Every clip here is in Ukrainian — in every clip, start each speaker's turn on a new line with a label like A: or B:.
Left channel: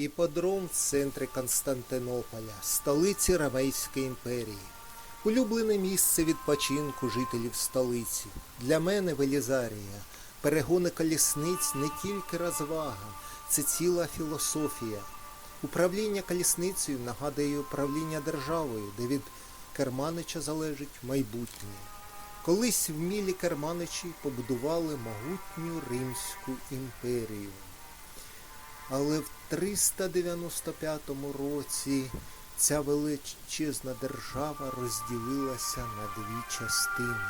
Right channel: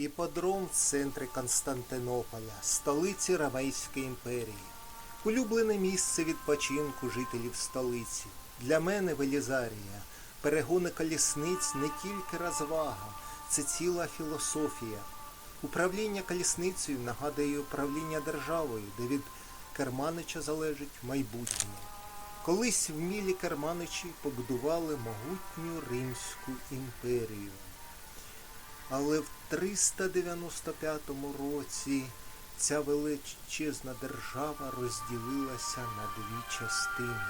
A: Іподром в центрі Константинополя, столиці Ромейської імперії. Улюблене місце відпочинку жителів столиці. Для мене Велізарія. Перегони колісниць не тільки розвага, це ціла філософія. Управління колісницею нагадує управління державою, де від керманича залежить майбутнє. Колись вмілі керманичі побудували могутню Римську імперію. Але в 395 році ця величезна держава розділилася на дві частини.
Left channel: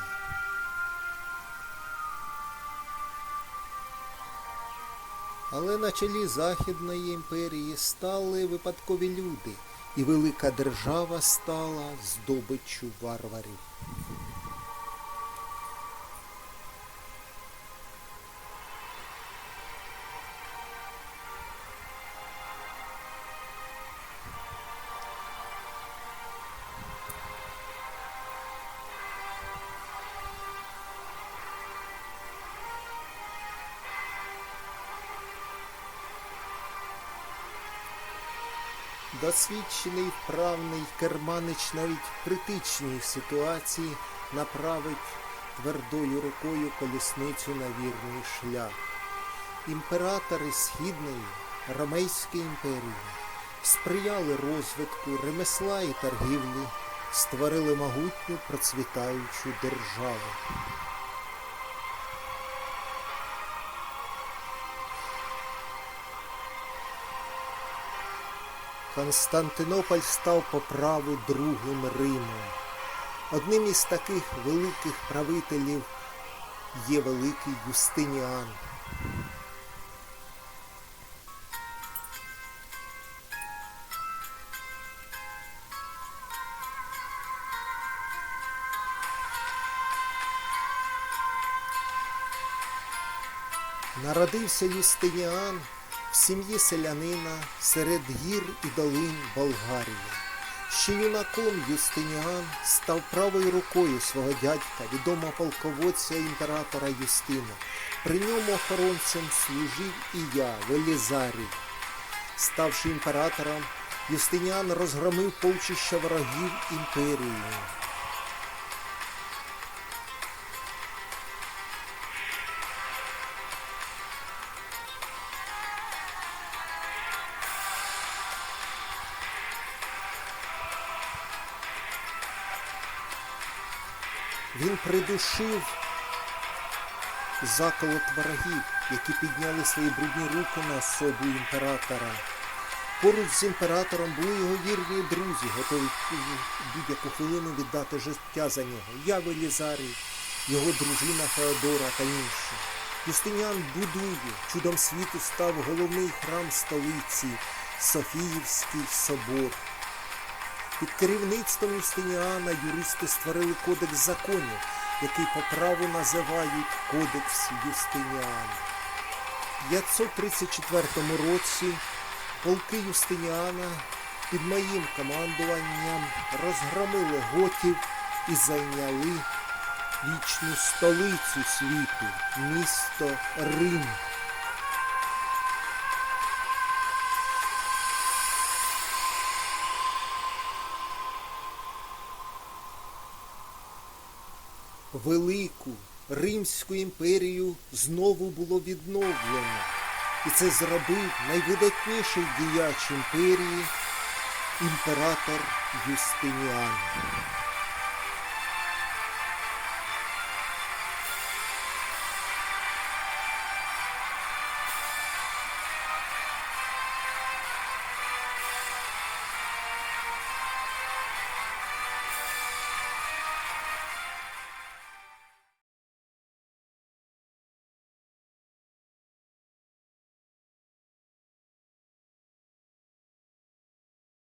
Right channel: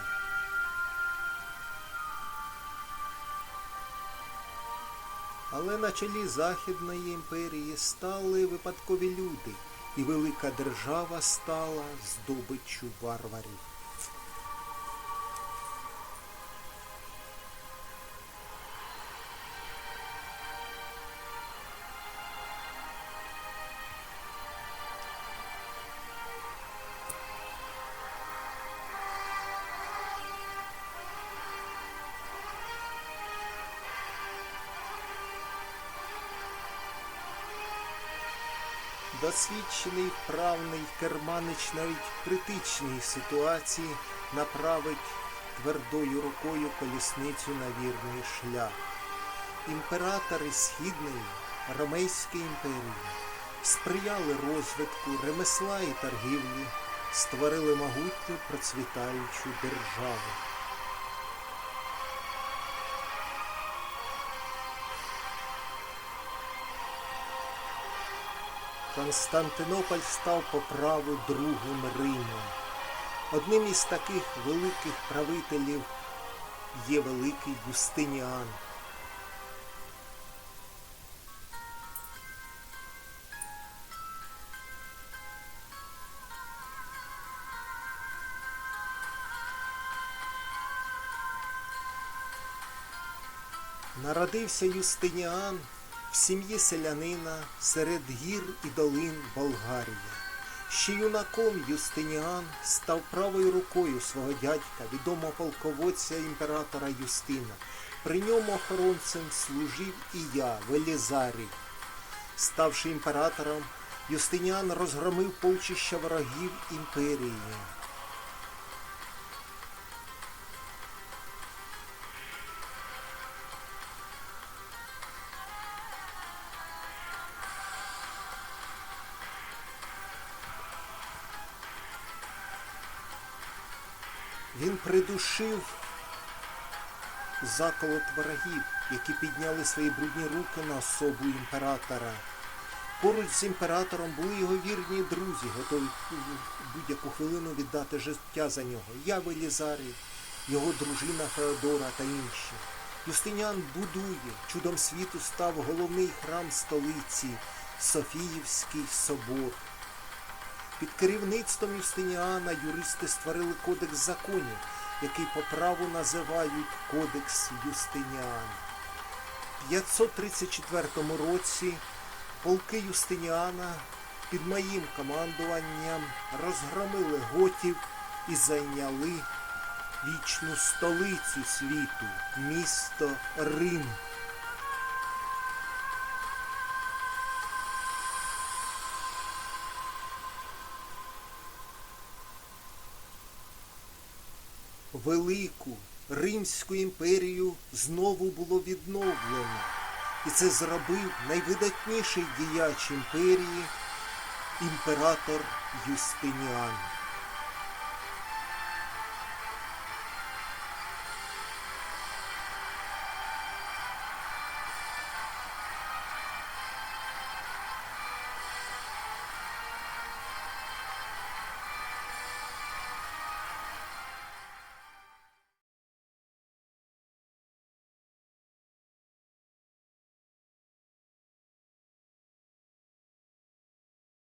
A: Але на чолі Західної імперії стали випадкові люди, і велика держава стала здобиччю варварів. Досвідчений вправний керманич навіть в критичній ситуації направить твердою рукою колісницю на вірний шлях. Імператори Східної Ромейської імперії сприяли розвитку ремесла і торгівлі, створили могутню процвітаючу державу. Константинополь став по праву другим Римом. Одним із таких великих правителів є великий Юстиніан. Народився Юстиніан в сім'ї селянина серед гір і долин Болгарії. Ще юнаком Юстиніан став правою рукою свого дядька, відомого полководця імператора Юстина. При ньому охоронцем служив і я, Велізарій. Ставши імператором, Юстиніан розгромив полчища ворогів імперії. Він придушив заколот ворогів, які підняли свої брудні руки на особу імператора. Поруч з імператором були його вірні друзі, готові будь-яку хвилину віддати життя за нього. Я Велізарій, його дружина Феодора та інші. Юстиніан будує, чудом світу став головний храм столиці Софіївський собор. Під керівництвом Юстиніана юристи створили кодекс законів, який по праву називають Кодекс Юстиніана. В 534 році полки Юстиніана під моїм командуванням розгромили готів і зайняли вічну столицю світу, місто Рим. Велику Римську імперію знову було відновлено. І це зробив найвидатніший діяч імперії імператор Юстиніан.